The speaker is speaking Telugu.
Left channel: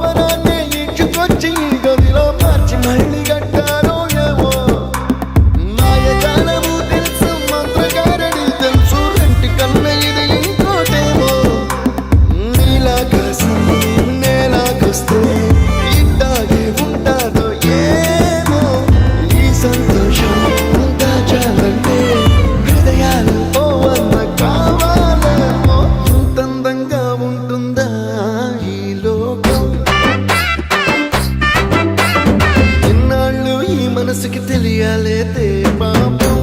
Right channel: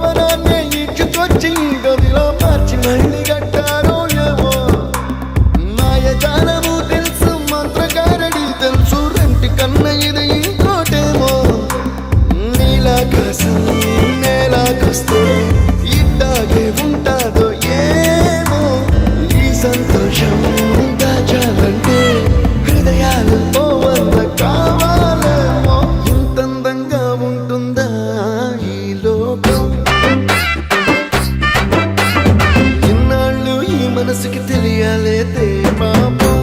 భవనాన్ని ఇచ్చుకొచ్చి గదిలో మార్చి మళ్ళీ కట్టారో ఏమో మాయజాలము తెలుసు మంత్రకారడి తెలుసు రెంటి కన్న ఇది ఇంకోటేమో నీలాకాశం నేలాకొస్తే ఇట్టాగే ఉంటాదో ఏమో ఈ సంతోషం దాచాలంటే హృదయాలు ఓ వంద కావాలేమో ఇంతందంగా ఉంటుందా ఈ లోకం ఇన్నాళ్ళు ఈ మనసుకి తెలియాలేదే పాపం